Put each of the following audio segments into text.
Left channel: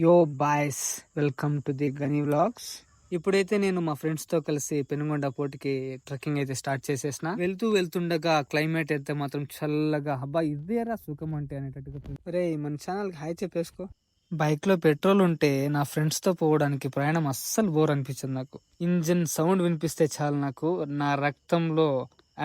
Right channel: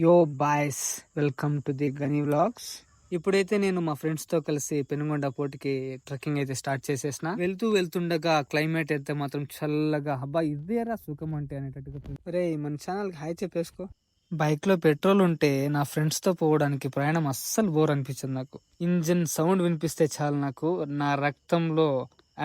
యో boys, welcome to the గనీ vlogs. ఇప్పుడైతే నేను మా ఫ్రెండ్స్ తో కలిసి పెనుగొండ పోటీకి ట్రెక్కింగ్ అయితే స్టార్ట్ చేసేసిన. వెళ్తుండగా క్లైమేట్ అయితే మాత్రం చల్లగా, అబ్బా ఇదేరా సుఖం అంటే అనేటట్టుగా. రే మన ఛానల్ కి హాయ్ చెప్పేసుకో. బైక్ లో పెట్రోల్ ఉంటే నా ఫ్రెండ్స్ తో పోవడానికి ప్రయాణం అస్సలు బోర్ అనిపించింది నాకు. ఇంజిన్ సౌండ్ వినిపిస్తే చాలు నాకు నా రక్తంలో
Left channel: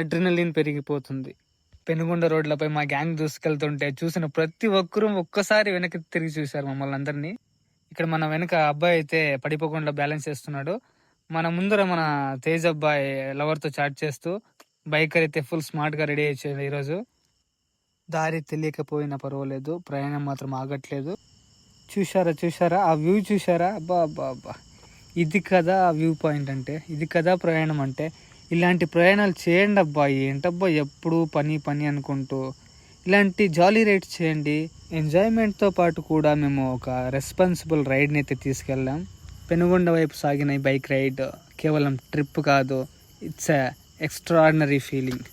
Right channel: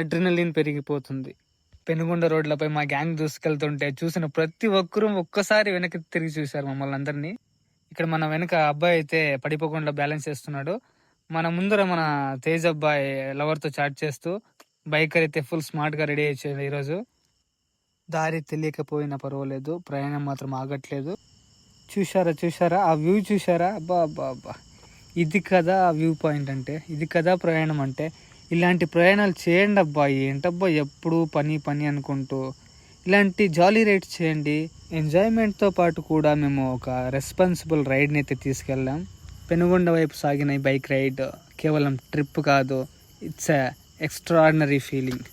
అడ్రినలిన్ పెరిగిపోతుంది. పెనుగొండ రోడ్లపై మా గ్యాంగ్ దూసుకెళ్తుంటే చూసిన ప్రతి ఒక్కరూ ఒక్కసారి వెనక్కి తిరిగి చూశారు మమ్మల్ని అందరినీ. ఇక్కడ మన వెనక అబ్బాయి అయితే పడిపోకుండా బ్యాలెన్స్ చేస్తున్నాడు. మన ముందర మన తేజ్ అబ్బాయి లవర్ తో చాట్ చేస్తూ, బైకర్ అయితే ఫుల్ స్మార్ట్ గా రెడీ అయ్యేది ఈరోజు. దారి తెలియకపోయినా పర్వాలేదు, ప్రయాణం మాత్రం ఆగట్లేదు. చూసారా ఆ వ్యూ చూసారా? అబ్బా అబ్బా అబ్బా, ఇది కదా ఆ వ్యూ పాయింట్ అంటే, ఇది కదా ప్రయాణం అంటే. ఇలాంటి ప్రయాణాలు చేయండి అబ్బా. ఏంటబ్బా ఎప్పుడు పని పని అనుకుంటూ, ఇలాంటి జాలీ రైడ్స్ చేయండి. ఎంజాయ్మెంట్తో పాటు కూడా మేము ఒక రెస్పాన్సిబుల్ రైడ్ని అయితే తీసుకెళ్ళాం. పెనుగొండ వైపు సాగిన ఈ బైక్ రైడ్ కేవలం ట్రిప్ కాదు, it's a extraordinary feeling.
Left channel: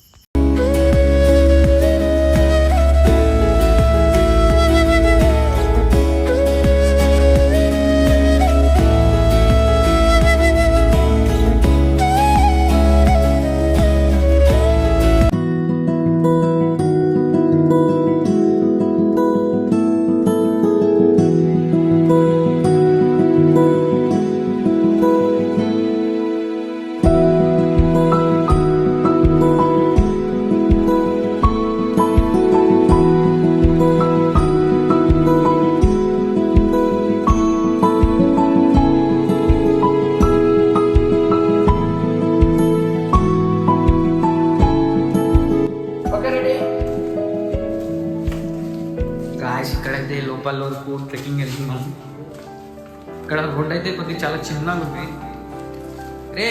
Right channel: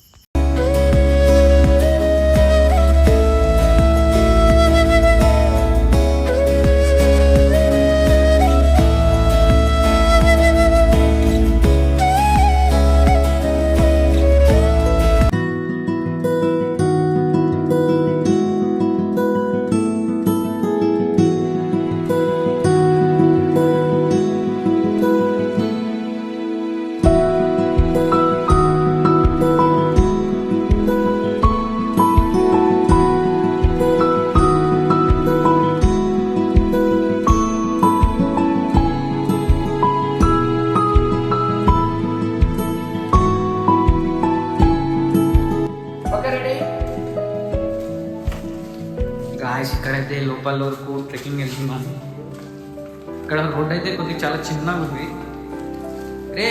Guys, ఇక్కడైతే లోపల వరకు ట్రెక్కింగ్ వెళ్తున్నాం. ఇక్కడ రోడ్ అయితే కొద్దిగా చాలా చిన్నగా ఉంది. రే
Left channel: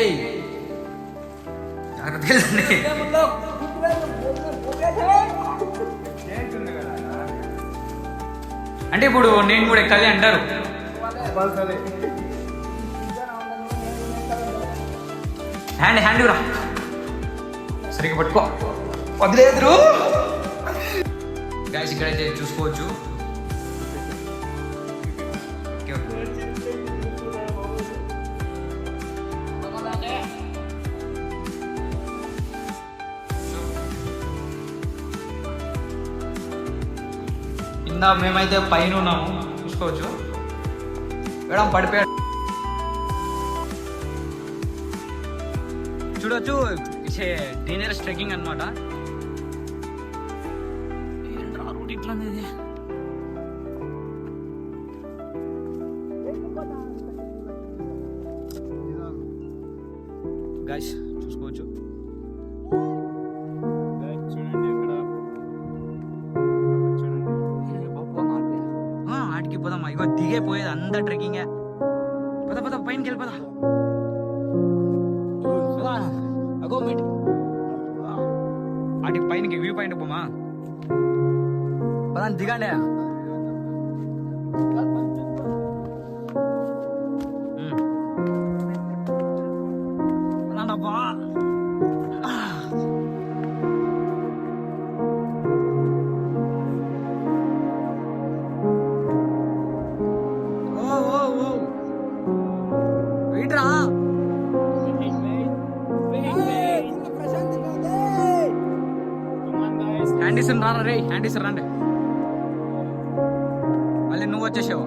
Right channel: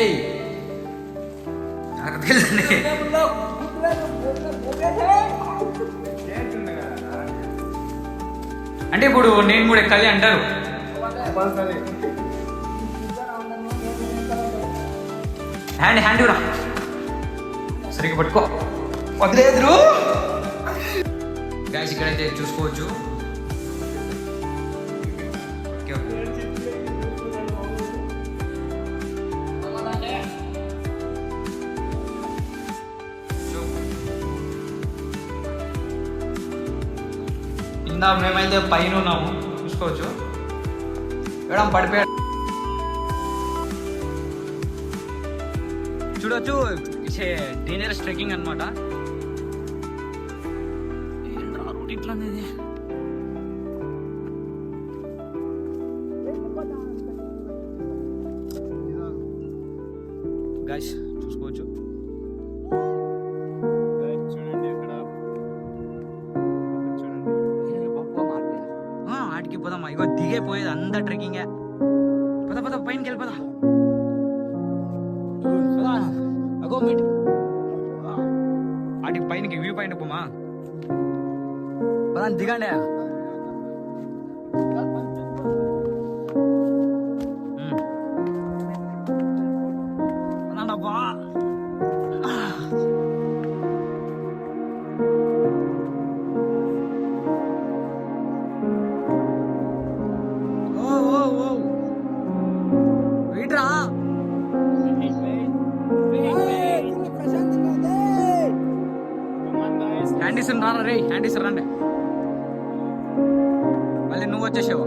అంటే ఇప్పుడు నేను కూడా ఎక్కాలి అంటారు. హ్యాండ్ రా, సరిగ్గా పట్టుకో, వదిలేదురు. గాయస్ ఇక్కడైతే చూసుకోవచ్చు. ఇందా మేమైతే పైన ఉన్నాము, చూసుకోవచ్చు. మేడం పడిపోయాడు, చూడవచ్చు. డేంజరస్ ట్రెక్కింగ్ అనమాట. రోడ్ ఇట్లా అనేది. గాయ్స్ చూసుకోవచ్చు. ఆడికి పోదామా? ఇగో దిగే పోయేది అంతా ట్రెక్కింగే. పద పైనకి వెళ్ళిపోదా. అగో మీట్ ఆడికి పైనకి వ్యూ పాయింట్ పోమా. పదాన్ని దిగండి. పదాండబ్బా. వీట్రా హ్యాండీస్ రారా రే, హ్యాండీస్ రండి. మళ్ళీ నువ్వు వచ్చేసావు.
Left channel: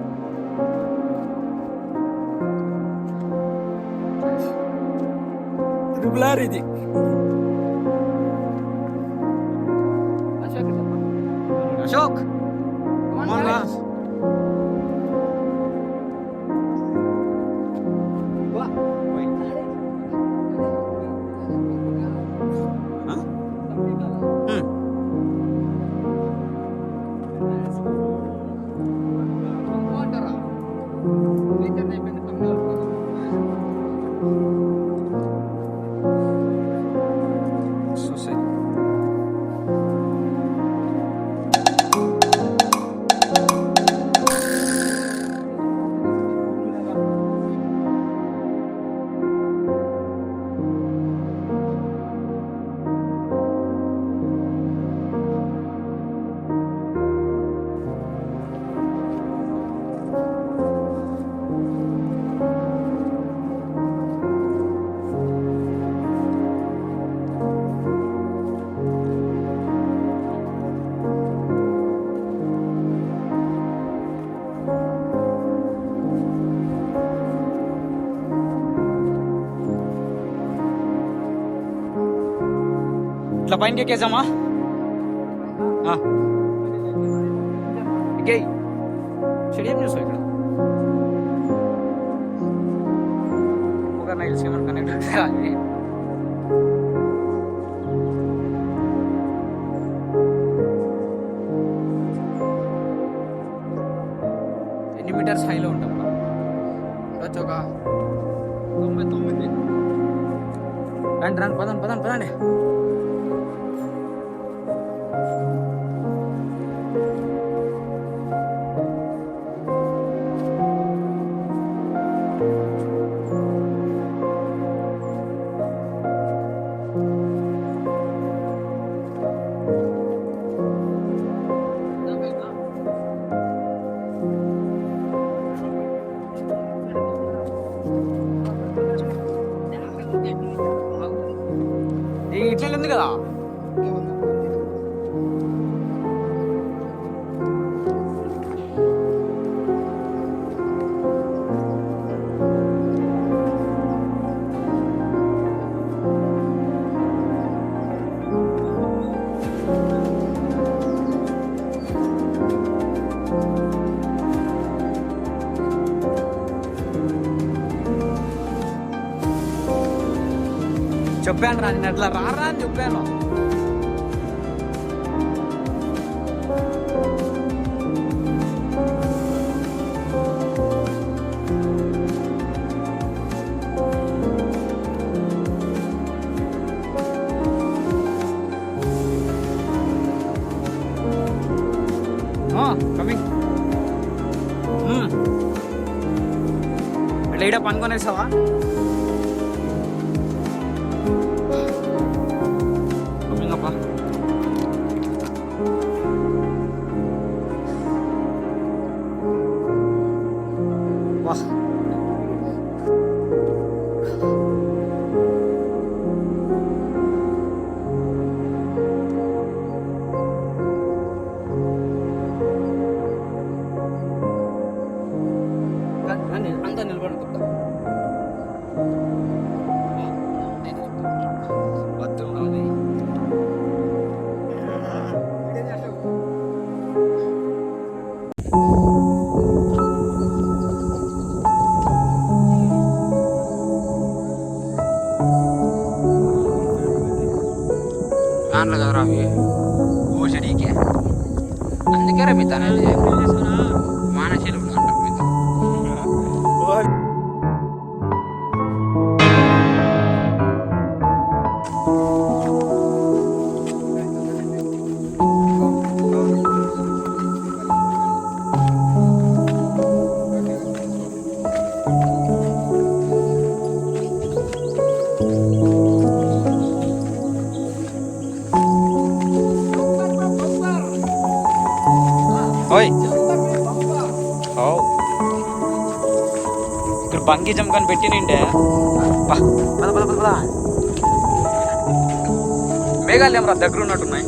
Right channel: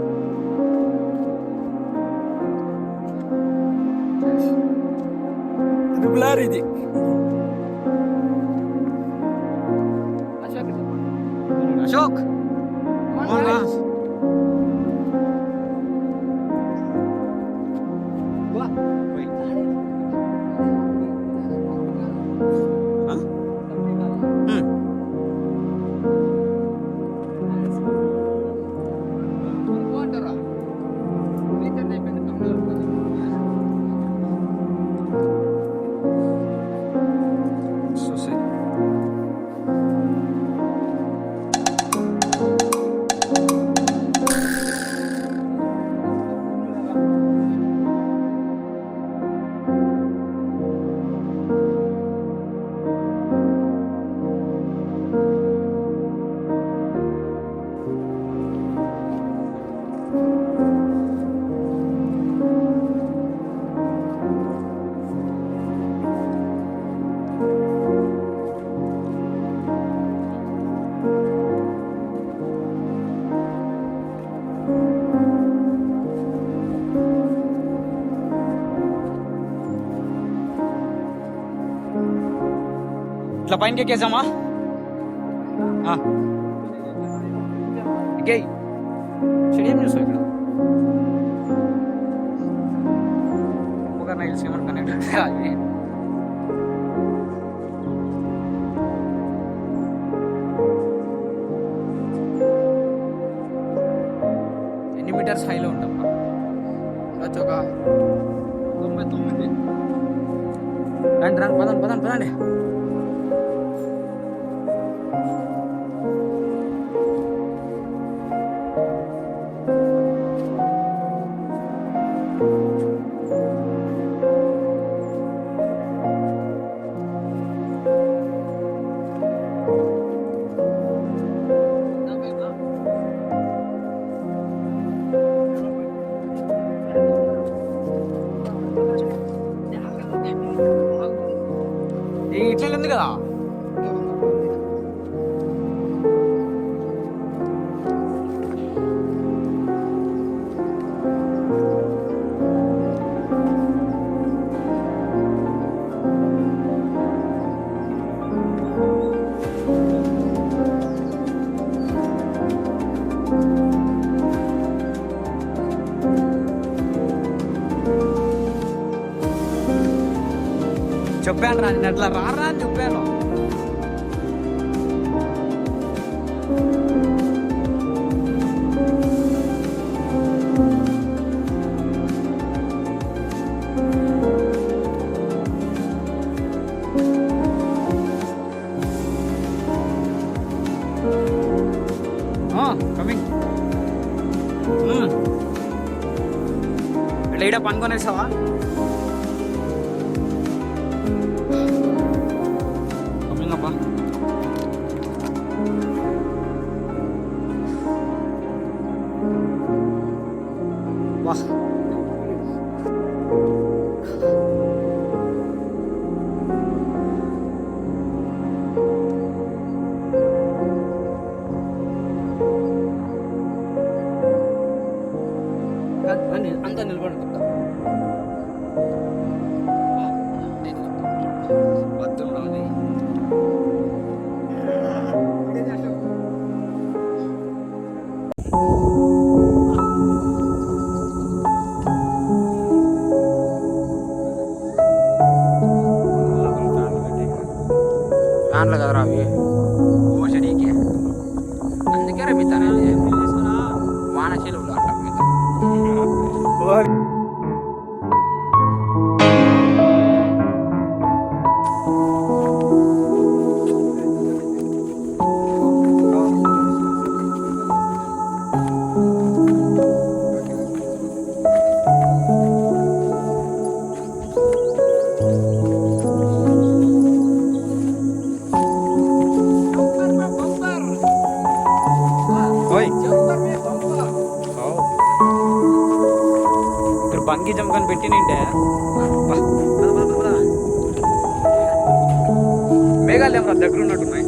ట్రిపుల్ ఇది. అశోక్ ఇట్లా పైనకి ఎక్కేసామా? ఎక్కేయి. ఏం చూసావు ఇక్కడ? నాకు తెలిసి ఏమన్నా కనెక్ట్ అది. ఎన్ని మీటర్స్ హైలో ఉంటాం? ఉండొచ్చు ఒక 99. రండి రండి, పదండి. ఇట్లా ఉంది కదా. చెప్పాను రా, నేను అట్లా రారా అని చెప్పాను. కమింగ్. ఇట్లా పనుకొనేసావా? కమింగ్ అప్పా. వా అంతా నిలబడి చెప్తా. ఫ్యాన్లు కదరా అవి, ఓషడికి. అందుకే రమ్మిత అనేది వాన చెరువులు అంట. ఇక్కడ బంగి జంప్ పెట్టి నింటే మేఘాలు ఏమరా దగ్గర ఉన్నట్టున్నాయి.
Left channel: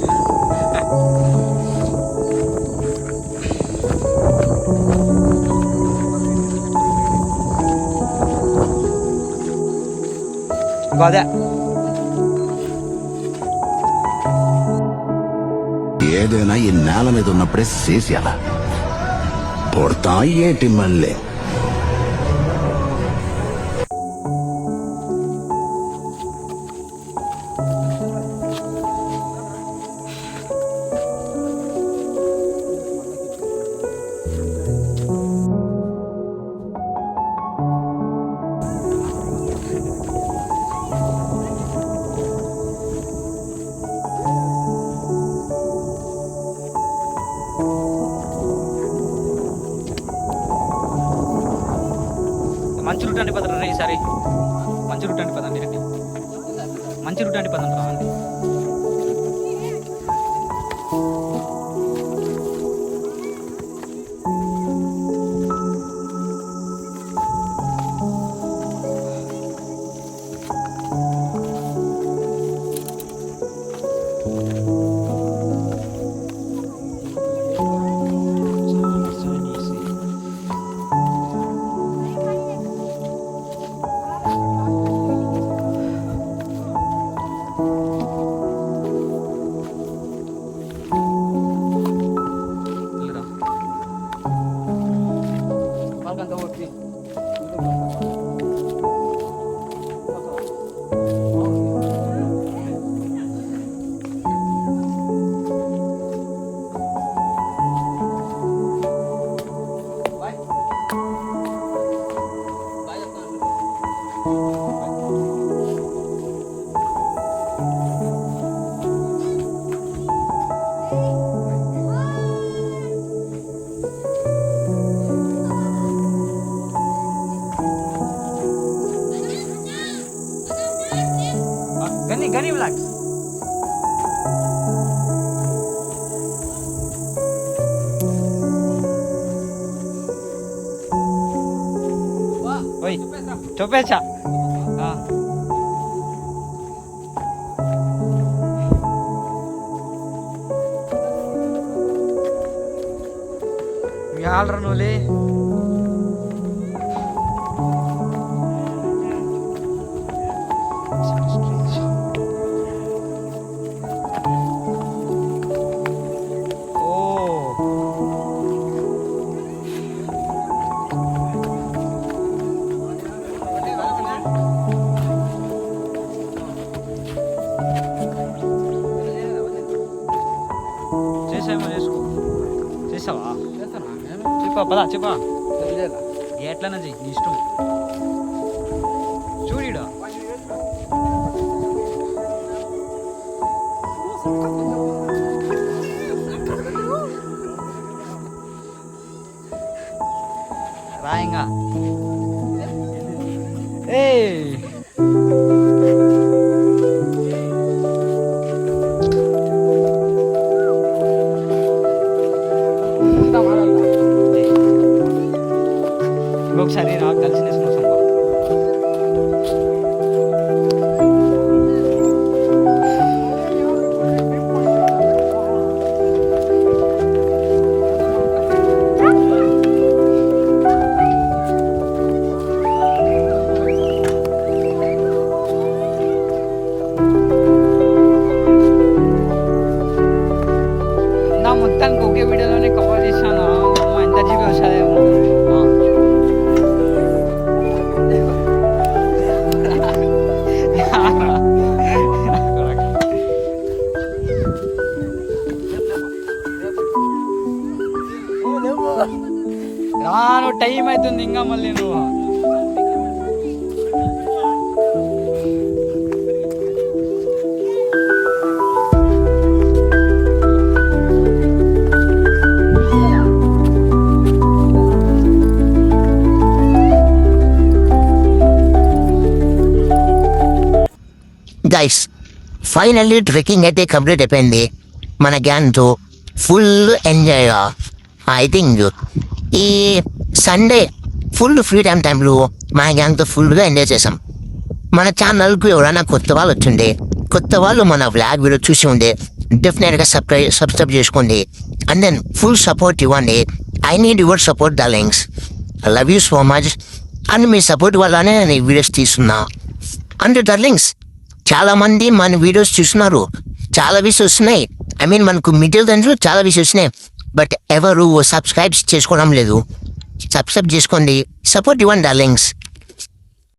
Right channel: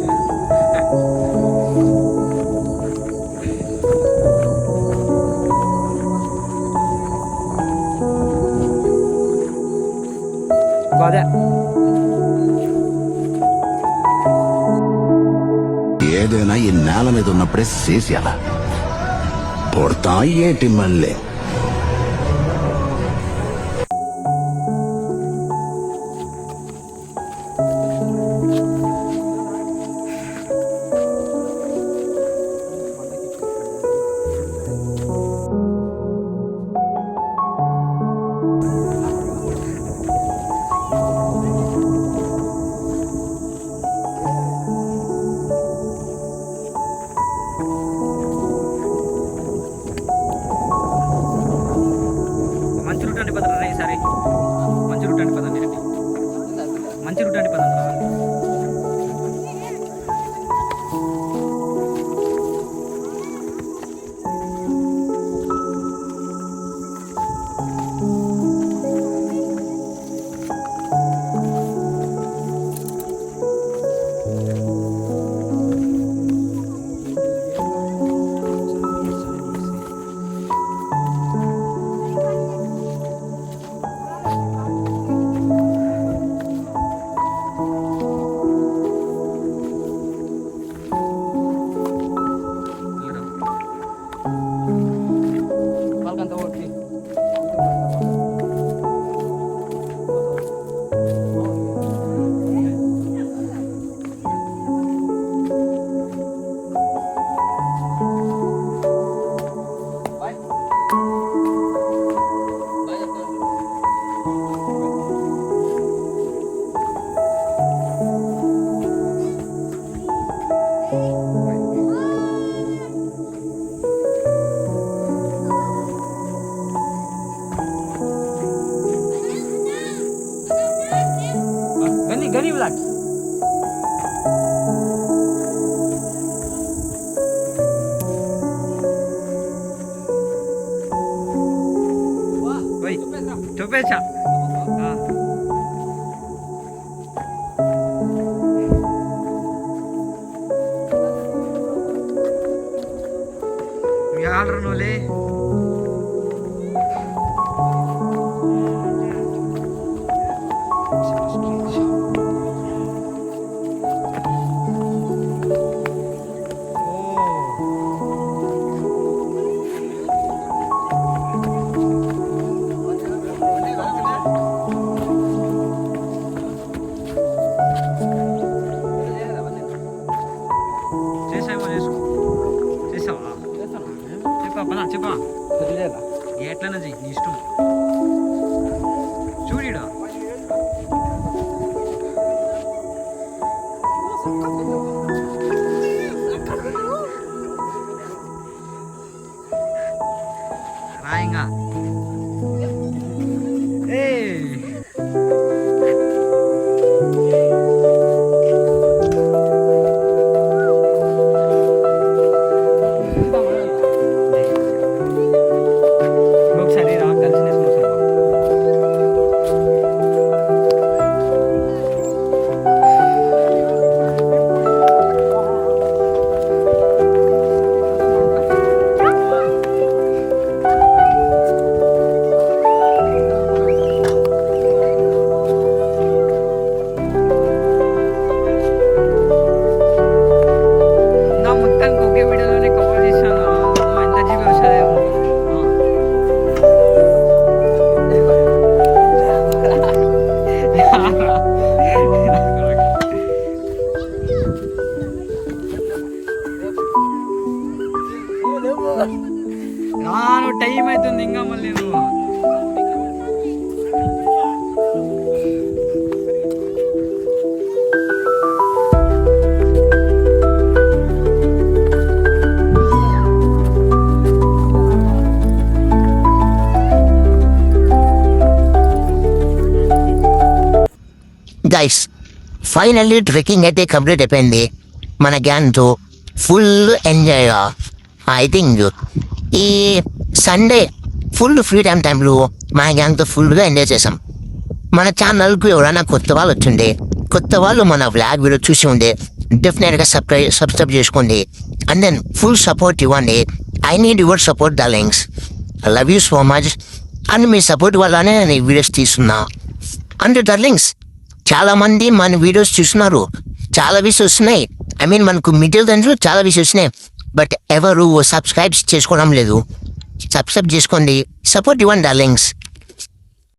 అదే ఏదైనా ఈ నేల మీద ఉన్నప్పుడే చేసేయాల. పొడతా ఏటి మళ్ళీ మంచి రూట్ అండి పదరా ఈసారి. మంచి రూట్ అండి పదండి, మంచి రూట్ అండి పదండి రా. నాకంతా ఓపి గని బ్లాగ్స్ ఓయ్ చెప్పేచ్చా ఆల్రా నోలే చేసావా పదా చెప్పా ఎట్లన్నా చెయ్యి నీ ఇష్టం చూడిడా రాయంగా ఇంకొకసారి రా కలిసి నేసుకొని నా మొత్తానికి ఒకే వీడియోలోనే కవర్ చేశాను అమ్మ ఎంత జీబీ వస్తుందేమో రాను టైం అవుతుంది ఇంకా మళ్ళీ నువ్వు గైస్ ఫైనల్లీ ట్రెక్కింగ్ అయితే కంప్లీట్ అయిపోయింది మన గ్యాంగ్తో ఫుల్ ఎంజాయ్. ఐ థింక్ ఈ సండే ఫుల్ ఫ్రీ టైంలో మన గ్యాంగ్తో ఫుల్గా ఎంజాయ్ చేసాం. మన ఛానల్కు ఎవరైనా కొత్త వాళ్ళు వచ్చిండే, కొత్త వాళ్ళు మన వ్లాగ్ వీడియో చూసి ఉండే డెఫినెట్గా సబ్స్క్రైబ్ చేసుకోండి. అండ్ దెన్ ఫుల్ సపోర్ట్ ఇవ్వండి. I need your support darlings. I love you so much. And me support వల్లనే నేను ఈ వీడియోస్ తీస్తున్నా. అండ్ డార్లింగ్స్ చాలామంది మన వీడియోస్ చూస్తున్నారు, చాలా వ్యూస్ వస్తున్నాయి. ఐ మీన్ మనకు మిడిల్ దాంట్లో చాలా వ్యూస్ వస్తున్నాయి. బట్ ఎవరు సబ్స్క్రైబ్ చేసుకోవడం లేదు. సబ్స్క్రైబ్ చేసుకోండి, సపోర్ట్ ఇవ్వండి డార్లింగ్స్.